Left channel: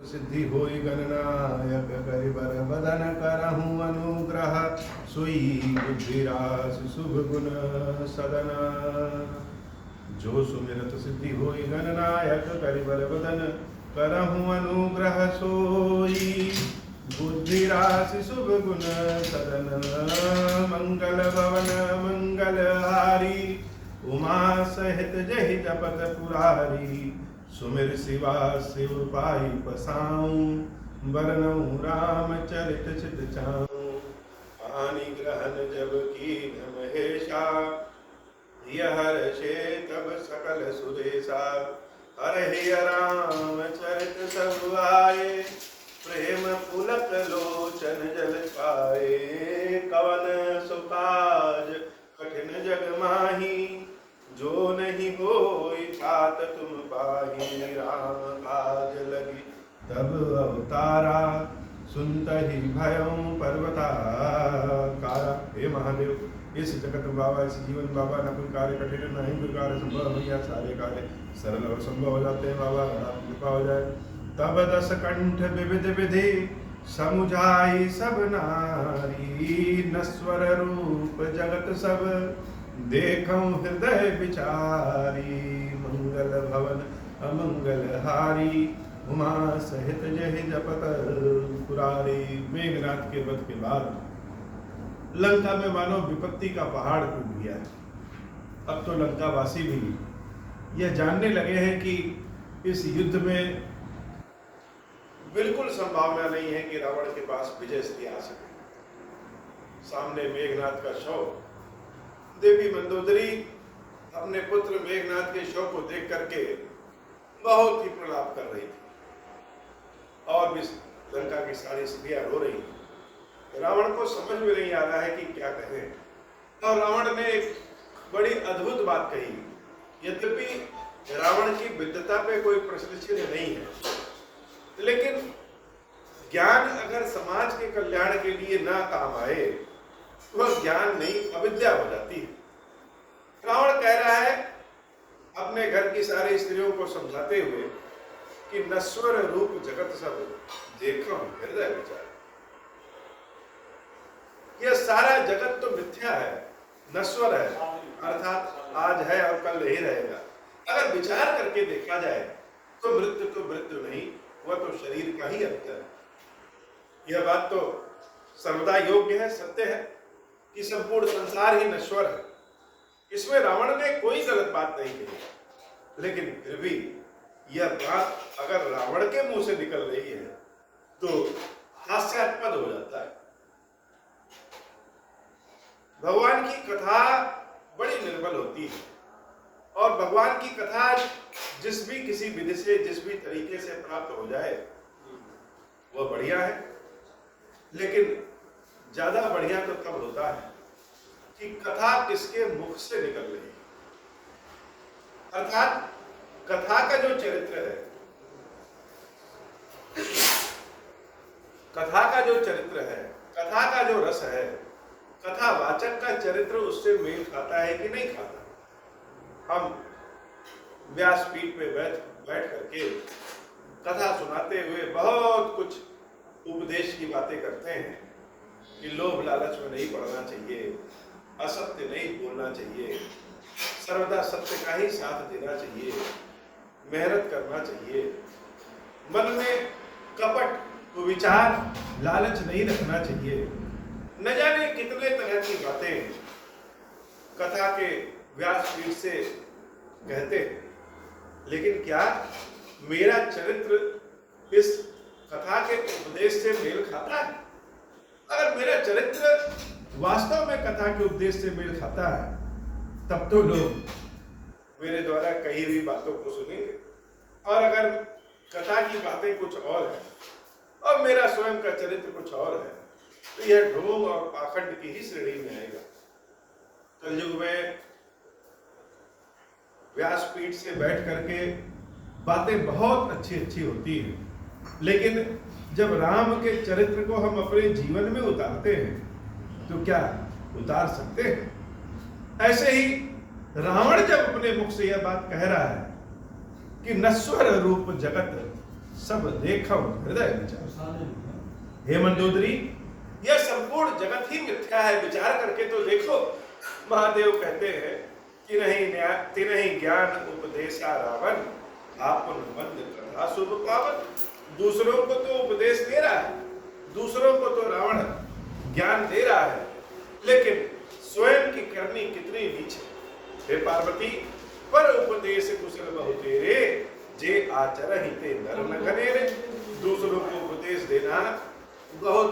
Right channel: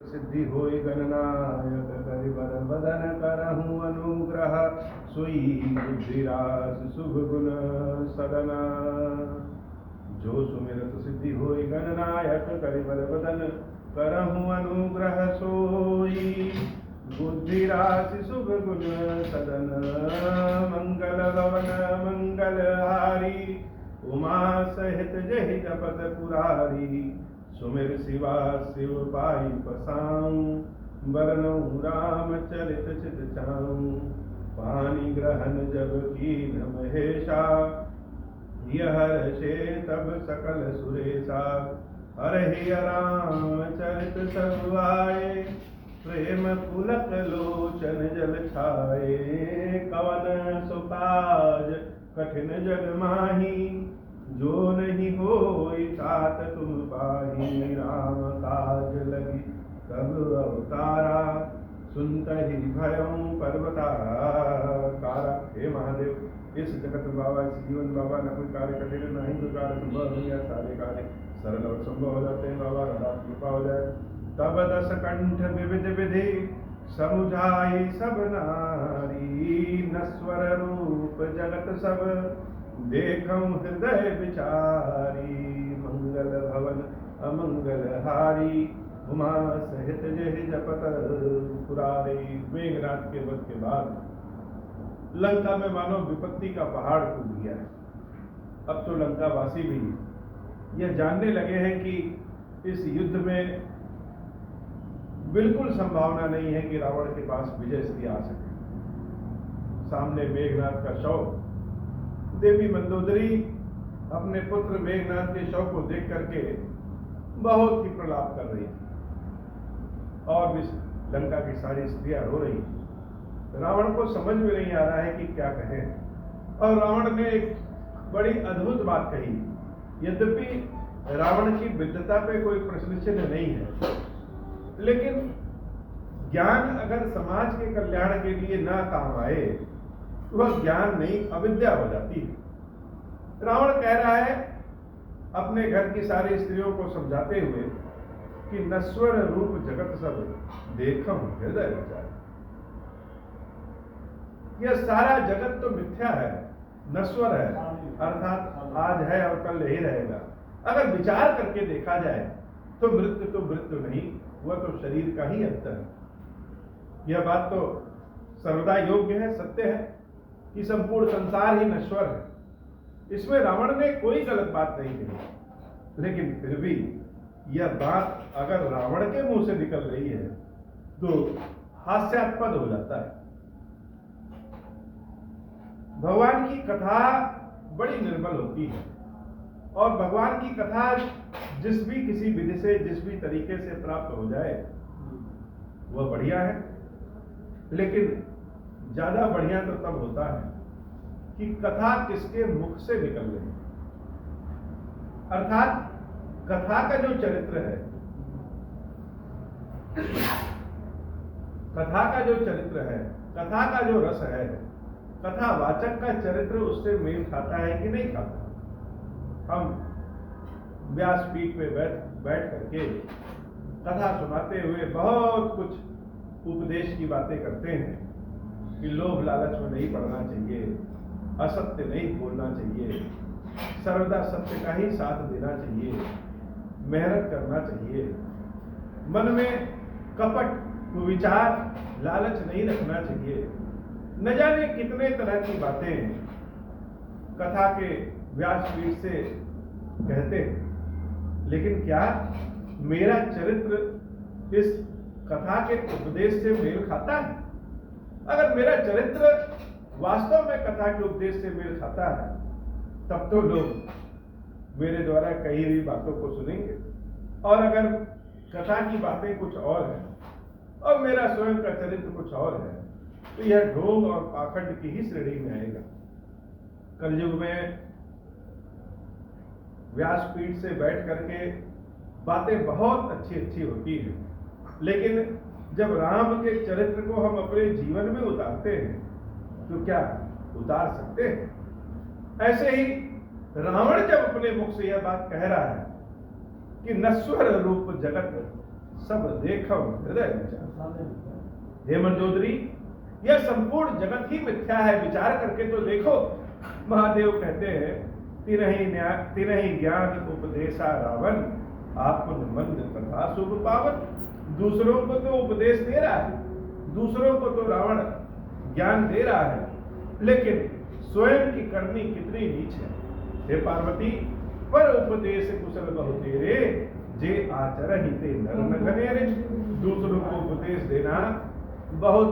सिद्धि होय गणनायक करिबर बदन करहूँ अनुग्रह सोई बुद्धिरास शुभ गुण सदन। जो सुमिरत सिद्धि होय गणनायक करिबर बदन करहूँ अनुग्रह सोई बुद्धिरास शुभ गुण सदन। मंगल भवन मंगलहारी उमा सहित जहि जपत पुरारी। सुमिर शिवा शिव पाई पसाऊं बरनऊं रामचरित चित चाऊं। पानी ग्रहण जब की महेशा यह हर्षे तब सकल सुरेशा। हरहि राम चरित सब आए प्रेम पुलक लोचन जल खाए। कवन सुकाज कठिन जग माही जो नहीं होई तात तुम पाही। राम काज लगी तब अवतारा सुनतहि भयं पर्वताकारा। हे महादेव, इस जगत बाबा, इस जीवन बाबा, न कोई कार्य कठिन न ही कोई कार्य संभव नहीं है। सारे कार्य सरल और संभव हो जाते हैं बाबा, अगर कृपा हो जाए। तब दस कंठ विविध विधि समुझाई सब नारी। नश्वर रूप जगत सब देखऊं हृदय विचारी। मंगल भवन अमंगलहारी उमा सहित जहि जपत पुरारी। मेघनाथ के वध के बाद लंका में मानो विपत्ति का पहाड़ टूट गया। अब तो लंका वासी भी यह जानने लगे हैं कि इस युद्ध में बिल्कुल संभावना नहीं है कि रावण के पास विजय श्री आ सके। सामने मेघनाथ का शव, देवी मंदोदरी अपने पुत्र मेघनाथ के शव को देख करके बहुत ही प्रलाप कर रही थी और भी लंका की सारी स्त्रियां रो रही थी। रावण को समझ में नहीं आ रहा है कि क्या कहें। और रावण ने एक बड़ी अद्भुत बात कही। यद्यपि रावण की विद्वता पे कोई प्रश्न नहीं है, लेकिन ज्ञान अगर समाज के कल्याण के लिए ना काम आए तो वह ज्ञान नहीं अविद्या हो जाती है। रावण कह रहा है अपने घर की सारी स्त्रियों को समझाते हुए कि नश्वर रूप जगत सब देखो हृदय विचार। यह सारा जगत तो मिथ्या है, नश्वर है, अर्थात आज है और कल नहीं रहेगा। अगर विचार करके देखा जाए तो मृत्यु नहीं, वह तो शरीर का ही अंत है। यह बात तो सर्वदा योग्य है, सत्य है कि संपूर्ण संसार ही नश्वर है। इसमें रावण ने कोई गलत बात नहीं कही, लेकिन फिर भी यह बात अगर रावण के मुंह से निकल रही है तो हास्यास्पद हो जाता है। भगवान की कथा बड़ी निर्मल होती है और भगवान की कथा जिस भी किसी विधि से, जिस भी तरीके से प्राप्त हो जाए वह बढ़िया है। लेकिन ज्यादा बढ़िया तो तब होता है कि कथा किसके मुख से निकल रही है, अर्थात कथा का जो चरित्र है, कथा का जो चरित्र है, कथा का जो रस है, कथावाचक का चरित्र उससे मेल खाता है कि नहीं खाता। हम व्यासपीठ पे बैठ करके कथा सुनाते हुए बहुत कुछ उपदेश की बातें करते हैं कि लोभ लालच में नहीं पड़ना चाहिए, असत्य नहीं बोलना चाहिए, सर्वदा सत्य का ही साथ देना चाहिए, मेहनत करना चाहिए, मन में कपट कुविचार लालच नहीं रखना चाहिए। न जाने कितने तरह की बातें कथा के व्यासपीठ से कहते हैं, लेकिन क्या मेरा चरित्र इस कथा के उपदेश से मेल खाता है? अगर मेरा चरित्र वास्तव में कथा के उपदेश से मेल खाता है तब तो लोग मेरे द्वारा कही हुई बातों को सुनेंगे। और अगर कथा की बातें कुछ और है और मेरा स्वयं का चरित्र कुछ और है तो यह ढोंग और पाखंड की ही श्रेणी में आएगा। कलयुग में व्यासपीठ से बैठ करके बातें बहुत अच्छी अच्छी होती हैं, लेकिन जब राम के चरित्र को हम अपने जीवन में उतारते हैं तो क्या उतार सकते हैं? ऐसे ही रावण जब अपने मुख से यह बात कह रहा है कि नश्वर रूप जगत सब देखो हृदय विचार। हे मंदोदरी, यह संपूर्ण जगत ही मिथ्या है, विचार करके तो देखो। महादेव कहते हैं, तिनहि ज्ञान उपदेशा रावण, आपन मंद कथा शुभ पावन। दूसरों को तो उपदेश दे रहा है, दूसरों को तो रावण ज्ञान दे रहा है, लेकिन स्वयं की करनी कितनी नीच है। हे पार्वती, पर उपदेश कुशल बहु तेरे, जे आचरहि ते नर न घनेरे। दूसरों को उपदेश देना बहुत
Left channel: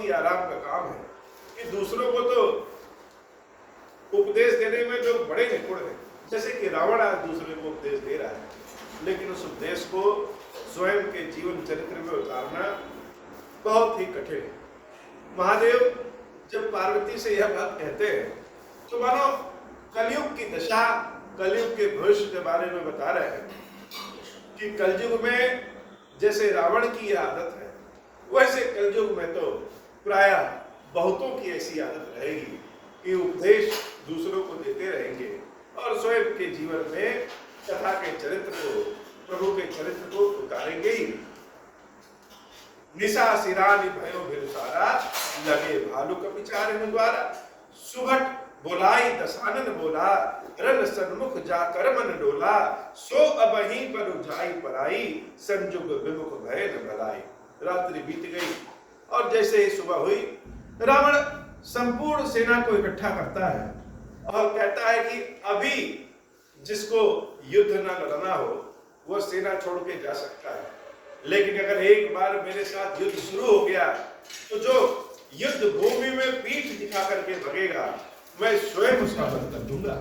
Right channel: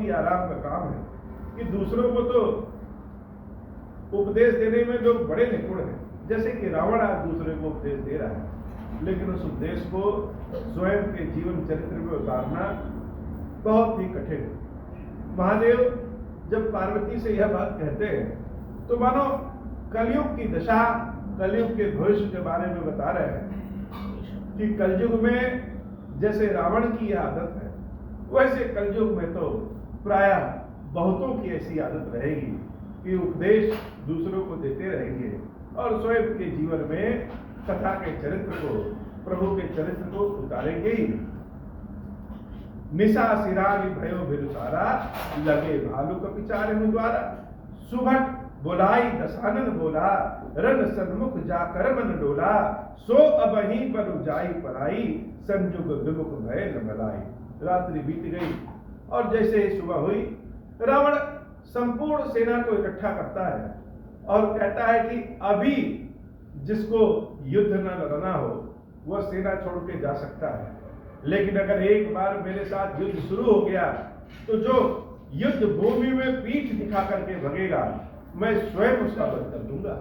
ही आराम का काम है, कि दूसरों को तो उपदेश देने में लोग बड़े निपुण हैं। जैसे कि रावण आज दूसरे को उपदेश दे रहा है, लेकिन उस उपदेश को स्वयं के जीवन चरित्र में उतारना बहुत ही कठिन है। महादेव जब पार्वती से यह बात कहते हैं, तो मानो कलयुग की दशा, कलयुग के भविष्य के बारे में बता रहे हैं कि कलयुग में जैसे रावण की यह आदत है, वैसे कलयुग में तो प्रायः बहुतों की ऐसी आदत रहेगी कि उपदेश दूसरों को देते रहेंगे और स्वयं के जीवन में कथा के चरित्र को, प्रभु के चरित्र को उतारेंगे ही। निशा सिरानी भयो भिरुसारा, लगे भालू कपिचार द्वारा। सुभट बोलाई दशानन बोला, रण सन्मुख जाकर मन डोला। सो अबही पर जाई पराई, संजुग विमुख भय न भलाई। रात्रि बीत गई और जैसे ही सुबह हुई, रावण संपूर्ण सेना को इकट्ठा करता है और कहता है कि अभी जिसको युद्ध न लड़ना हो वह सेना छोड़ के जा सकता है, लेकिन अगर एक बार मेरे साथ युद्ध शुरू हो गया तो जो युद्ध भूमि में पीठ दिखा करके भगेगा, मैं स्वयं उसका वध कर दूंगा।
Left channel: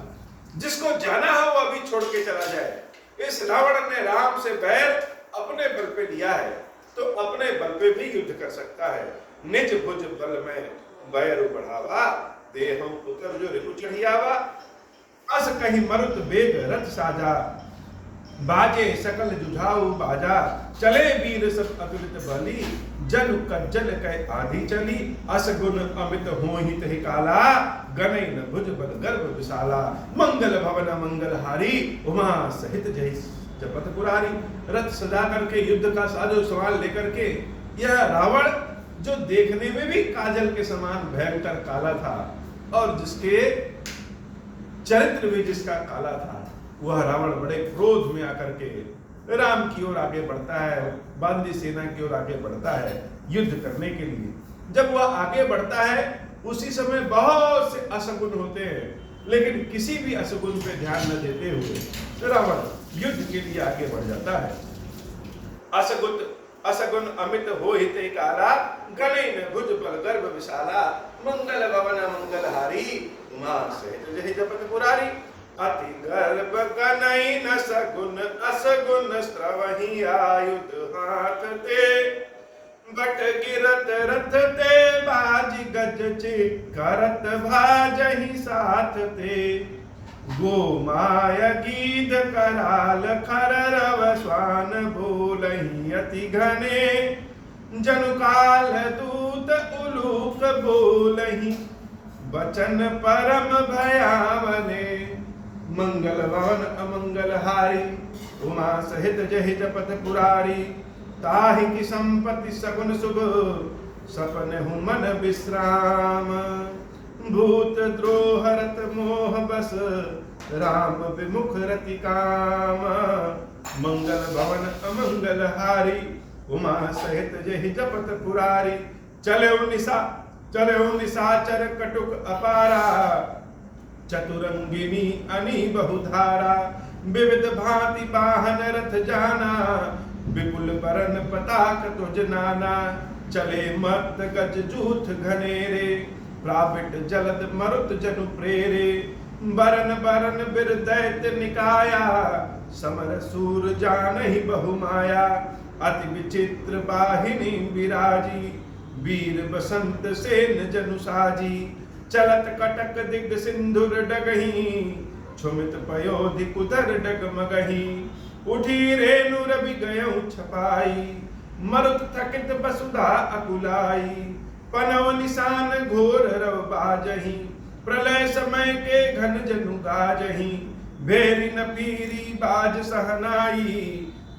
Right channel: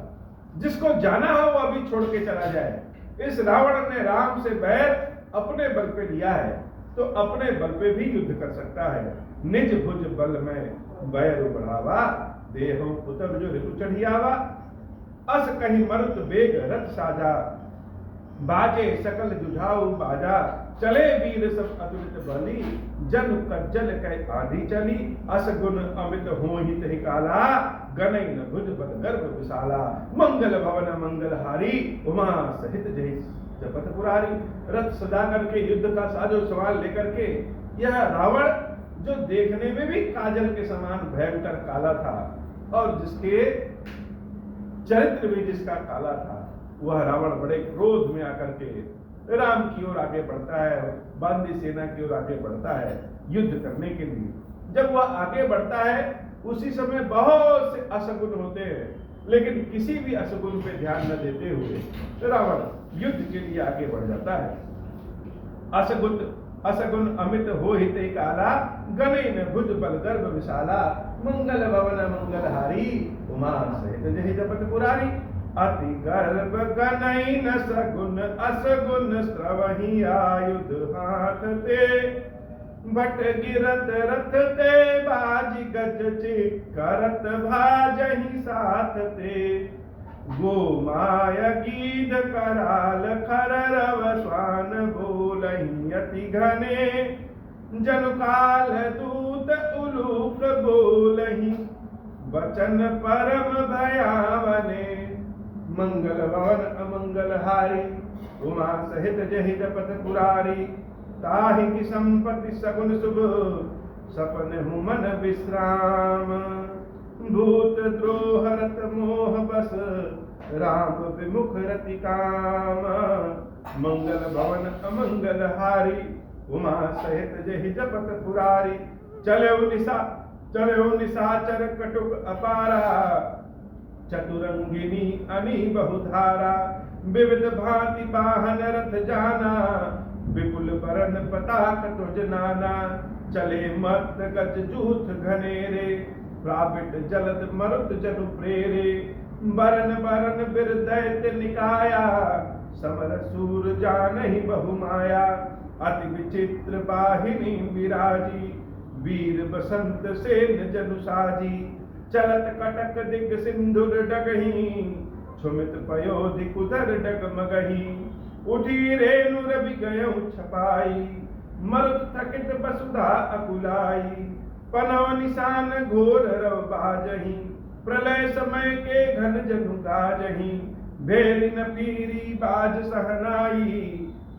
जिसको जाना हो वह अभी छोड़ के चला जाए। इस रावण ने राम से बैर अपने बल पे लिया है, तो अपने बल पे भी युद्ध कर सकता है। निज भुज बल में बैरु बढ़ावा, देहो पुत्र जो रिपु चढ़ियावा। अस कहीं मरुत बेग रथ साजा, बाजे सकल जुझाऊ बाजा। चले वीर सब अतुलित बली, जन कज्जल कह आधी चली। अस गुण अमित होहि तहि काला, गनई न भुज बल गर्भ विशाला। मंगल भवन मंगल हारी, उमा सहित जय जपत पुरारी। रथ सजा करके युद्ध का साजो सवाल लेकर के यह रावण, जो देखने में भी काजल के समान भयंकर काला था और जिसके चरित्र भी जिसका काला था, वह रावण बड़े क्रोध में आकर के राम की ओर आगे बढ़ता है, बांदी सेना की ओर आगे बढ़ता है युद्ध करने के लिए। जब वह आगे बढ़ता है उसी समय बहुत से अशगुन होते हैं, लेकिन किसी भी अशगुन पे ध्यान न देते हुए रावण युद्ध के लिए आगे बढ़ जाता है। अशगुन अमित होहि ते काला, गणे न भुज बल गर्भ विशाला। मंगल भवन मंगल हारी, उमा सहित जहि जपत पुरारी। अति गर्भ गनई न सगुन, असगुन स्त्रवहि आयुध हाथ ते। बट गिरत रथ ते, बाज गज चिकरत भाजहि साथ ते। गोमाय गीध कराल खररव स्वान बोलहि अति घने। जनुकाल दूत उलूक बोलहि, वचन परम भयावने। मंगल भवन अमंगल हारी, उमा सहित जहि जपत पुरारी। ताहि की संपत्ति सगुन शुभ, सपन हूँ मन विश्राम। भूत द्रोह रत मोह बस, राम विमुख रति काम। मंगल भवन अमंगल हारी, उमा सहित जहि जपत पुरारी। चले निशाचर कटुक अपारा, चतुरंगिनी अनी बहुधारा। विविध भांति वाहन रथ जाना, विपुल बरन पताक तुझ नाना। चले मत गज जूथ घनेरे, प्राविट जलद मरुत जनु प्रेरे। बरन बरन बिर दैत्य निकाया, समर सूर जानहि बहुमाया। अति विचित्र बाहिनी विराजी, वीर बसंत सेन जनु साजी। चलत कटक दिग सिंधुर डगही, छुमित पयोधि कुदर डगमगही। उठी रेणु रवि गयऊ छपाई, मरुत थकित वसुधा अकुलाई। पनव निशान घोर रव बाजही, प्रलय समय के घन जनु गाजही। भेरी न पीरी बाज सहनाई,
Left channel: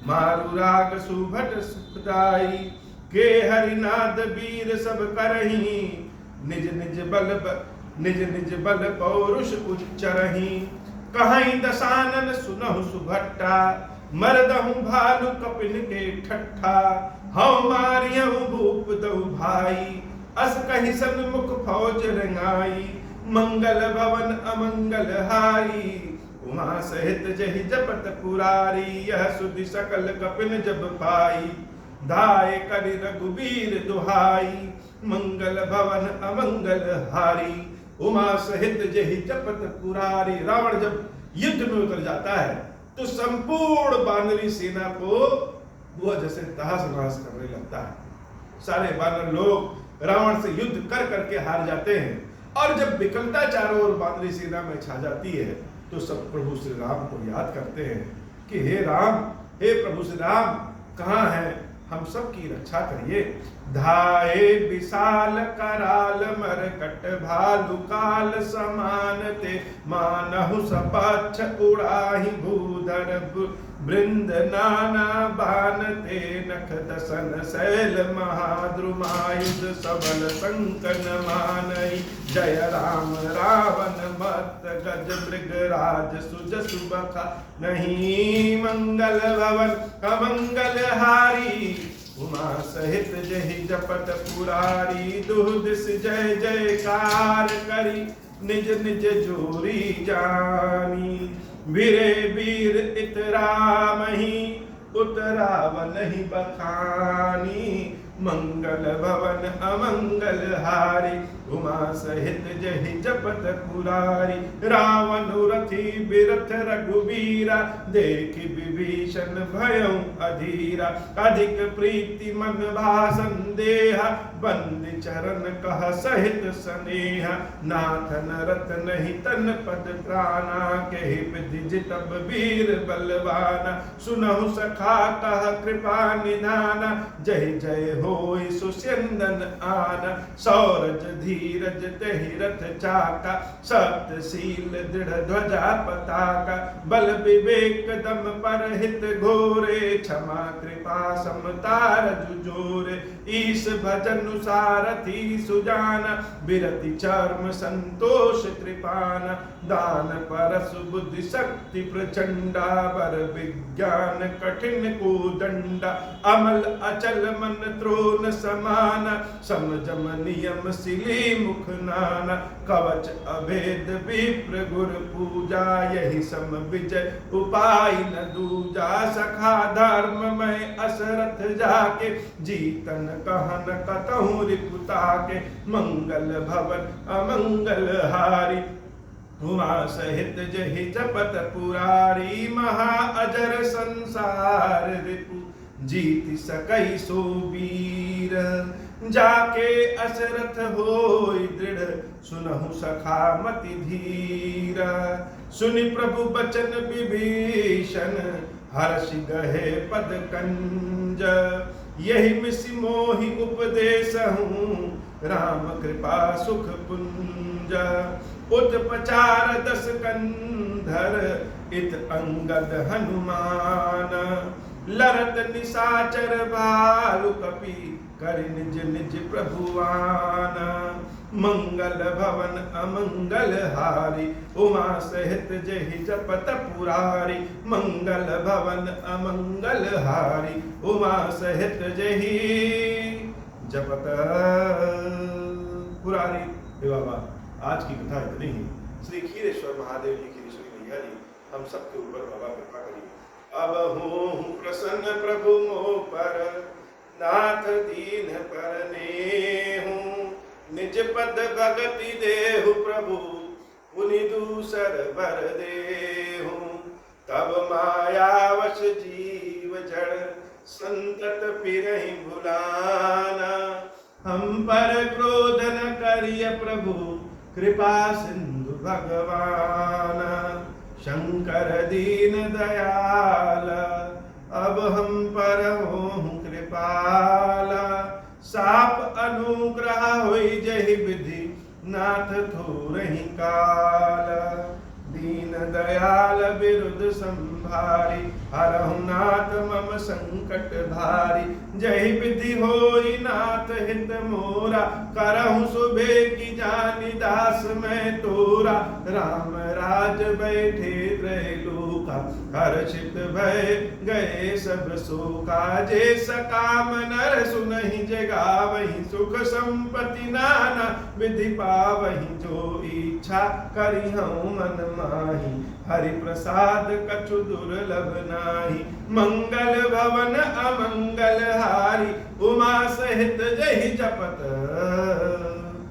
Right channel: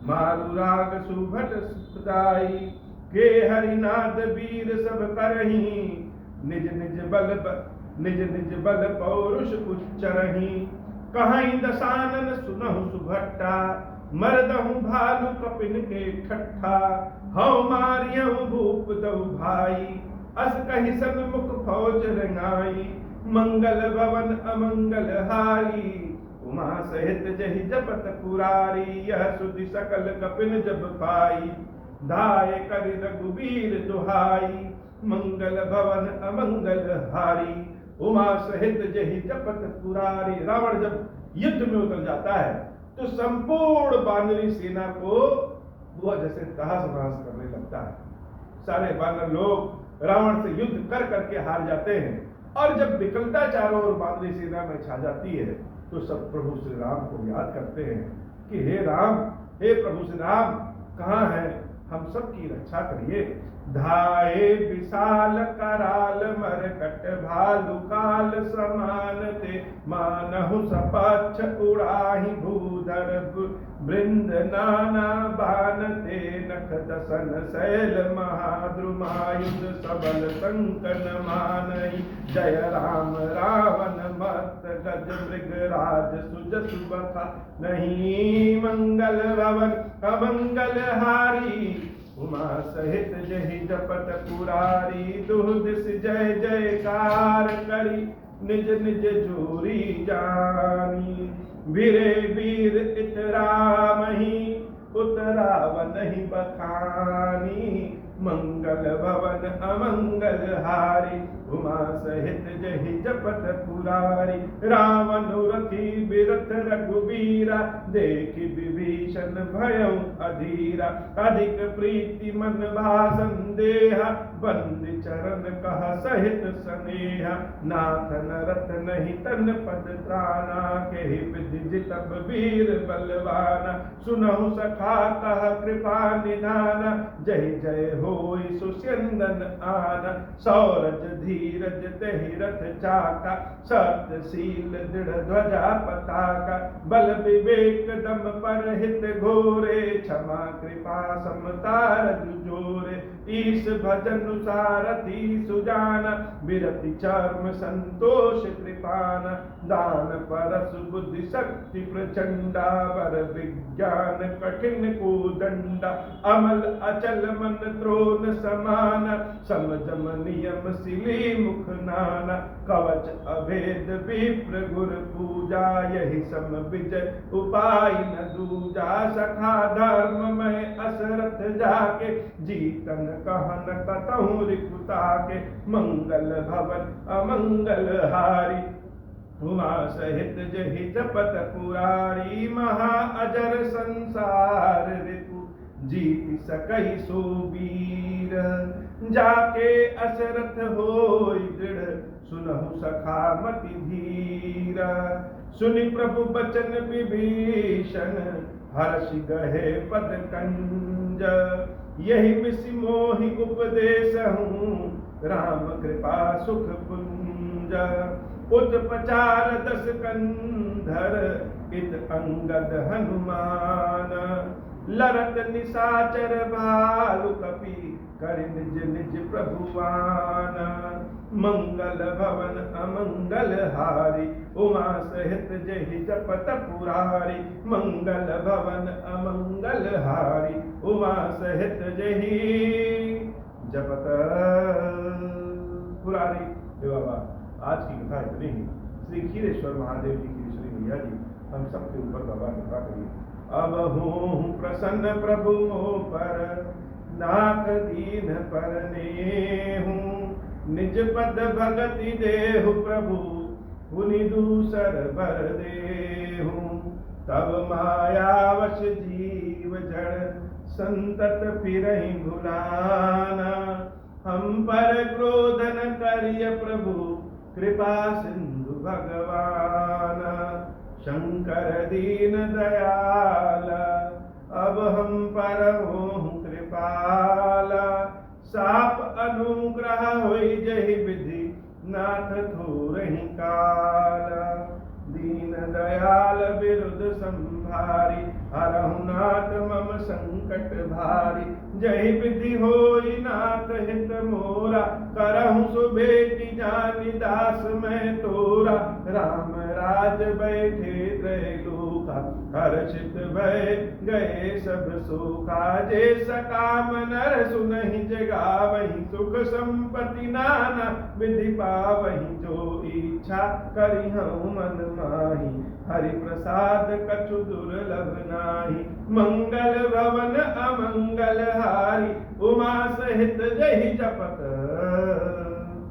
मारु राग सुभट सुखदाई, के हरिनाद वीर सब करही, निज निज बल पौरुष उच्चरही, कहीं दसानन सुनहु सुभट्टा, मरदहु भालु कपिन के ठट्ठा, हौ मारियहु भूप दहु भाई, अस कहि सन्मुख फौज रंगाई, मंगल भवन अमंगल हारी, उमा सहित जहि जपत पुरारी, यह सुधि सकल कपिन जब पाई, दाय करि रघुबीर दुहाई, मंगल भवन अमंगल हारी, उमा सहित जहि जपत पुरारी। रावण जब युद्ध में उतर जाता है तो संपूर्ण वानरी सेना को वह जैसे तहस नहस करने लगता है। सारे वानर लोग रावण से युद्ध कर करके हार जाते हैं, और जब विकलता चारों ओर वानरी सेना में छा जाती है तो सब प्रभु श्री राम को याद करते हैं कि हे राम, हे प्रभु श्री राम, कहाँ हैं, हम सब की रक्षा करिए। धाये विशाल कराल मरकट भालु काल समान ते, मानहु सपक्ष उड़ाहि भूधर वृंद नाना बान ते, नख दसन शैल महाद्रुमायुध सबल संकन मानई, जय राम रावण मत गज मृग राज सुज सुबखा नहीं, मंगल भवन अमंगल हारी, उमा सहित जहि जपत पुरारी, दुहुदिस जय जयकार करी, निज निज जोरी जानी, वीरे वीर इतरामहि, उतरावनहि बखानी, मंगल भवन अमंगल हारी, उमा सहित जहि जपत पुरारी, रावण रथी बिरथ रघुबीरा, देखि विभीषण भयउ अधीरा, अधिक प्रीति मन भासन देहा, बंदी चरण कह सहित स्नेहा, नाथ नरत नहीं तन पद त्राना, केहि विधि जितब वीर बलवाना, सुनहु सखा कह कृपा निधाना, जय जय होय सुस्यंदन आना, सौरज धीरज तेहि रथ चाका, सप्तशील दृढ़ ध्वजा पताका, बल विवेक दम पर हित घोरे, क्षमा कृपा समतार जुजोरे, ईश भजन सारथी सुजाना, विरति चर्म संतोष कृपाना, दान परस बुद्धि शक्ति प्रचंडा, वर विज्ञान कठिन को दंडा, अमल अचल मन त्रोन समाना, समझम नियम सिली मुख नाना, कवच अभेद विप्र गुर पूजा, यही सम विजय उपाय न दूजा, सखा धर्म में असरथ जाके, जीतन कहन कतहु रिपुता के, मंगल भवन अमंगल हारी, उमा सहित जहि जपत पुरारी, महा अजर संसार रिपु, जीत सकई सो वीर, जाके असरथ होय दृढ़, सुनहु सखा मति धीर, सुनि प्रभु बचन विभीषण, हर्षि गहे पद कंज, यही मिसि मोहि उपदेश हूँ, राम कृपा सुख पुंज, उत्पचार दस कंधर, इत अंगद हनुमान, लरत निशाचर भालु कपि, कर निज निज प्रभुवान, मंगल भवन अमंगल हारी, उमा सहित जहि जपत पुरारी, मंगल भवन अमंगल हारी, उमा सहित जहि जपत पुरारी। हे बाबा, आज की कथा इतनी ही। श्री क्षीरेश्वर महादेव जी की ऋषि मैया जी हम सबके ऊपर बाबा कृपा करिए। अब हूँ प्रसन्न प्रभु मोह पर, नाथ दीन पर नेहूँ, निज पद भगति देहु प्रभु, पुनि दूसर बर देहूँ, तब मायावश जीव जड़, संतत फिरहि भुलाना, हम पर क्रोध न करिय प्रभु, कृपा सिंधु भगवान, शंकर दीन दयाल, अब हम पर हों कृपाला, साप अनुग्रह होई जहि विधि, नाथ थोरहि काल, दीन दयाल विरुद्ध संभ भारी, हरहु नाथ मम संकट भारी। जय विधि होई नाथ हित मोरा, करहु सुबह की जानि दास मैं तोरा। राम राज बैठे त्रैलोका, हर्षित भय गए सब शोका। जे सकाम नर सुनहि जगावहि, सुख संपत्ति नाना विधि पावहि। जो इच्छा करिहउँ मन माहि, हरि प्रसाद कछु दुर्लभ नाही। मंगल भवन अमंगल हारी, उमा सहित जहि जपत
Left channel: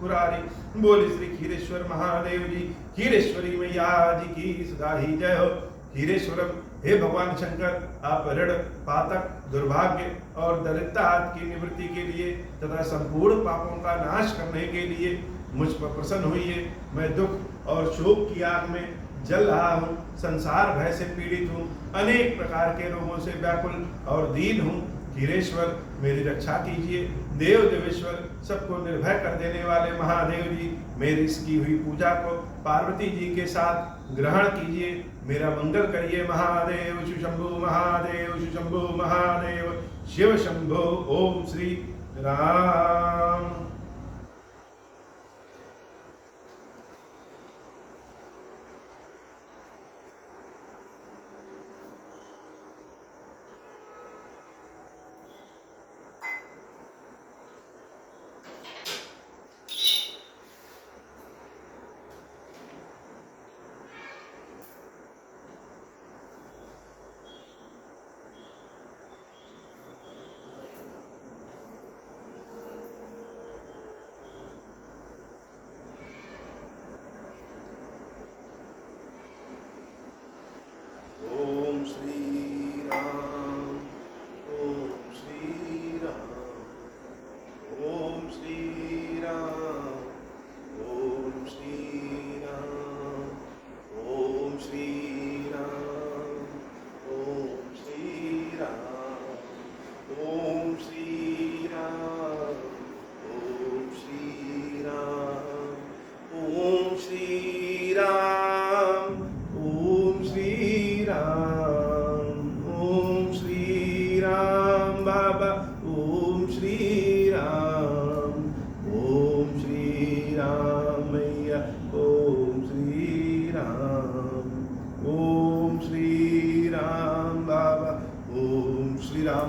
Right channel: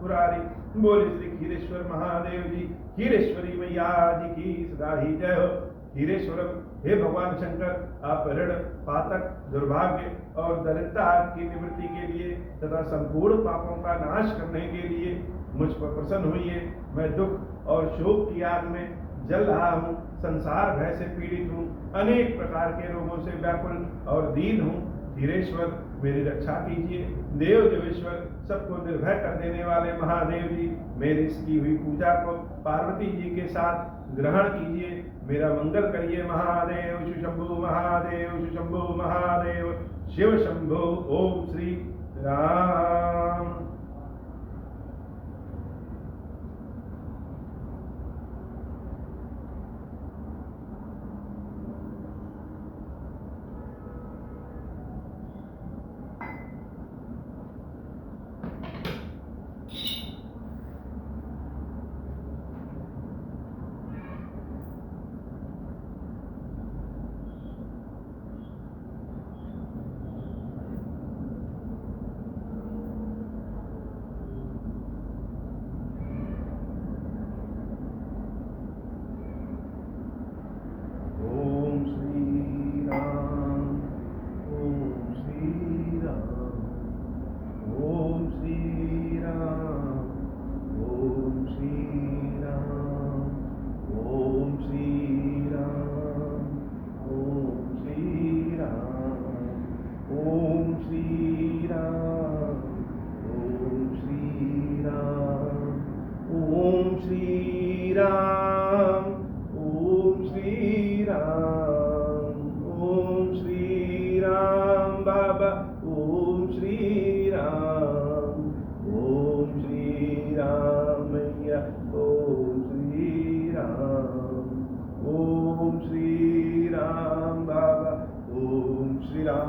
पुरारी। बोली श्री क्षीरेश्वर महादेव जी, क्षीरेश्वरी मैया जी की सदा ही जय हो। क्षीरेश्वरम, हे भगवान शंकर, आप ऋण, पातक, दुर्भाग्य और दरिद्रता की निवृत्ति के लिए तथा संपूर्ण पापों का नाश करने के लिए मुझ पर प्रसन्न हुई। मैं दुख और शोक की आग में जल रहा हूँ, संसार भय से पीड़ित हूँ, अनेक प्रकार के रोगों से व्याकुल और दीन हूँ। क्षीरेश्वर, मेरी रक्षा कीजिए। देव देवेश्वर, सबको निर्भय कर देने वाले महादेव जी, मेरी इसकी हुई पूजा को पार्वती जी के साथ ग्रहण कीजिए, मेरा मंगल करिए। महादेव शिव शंभु, महादेव शिव शंभु, महादेव शिव शंभु। ओम श्री राम।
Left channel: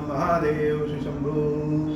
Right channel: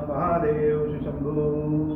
महादेव शंभु।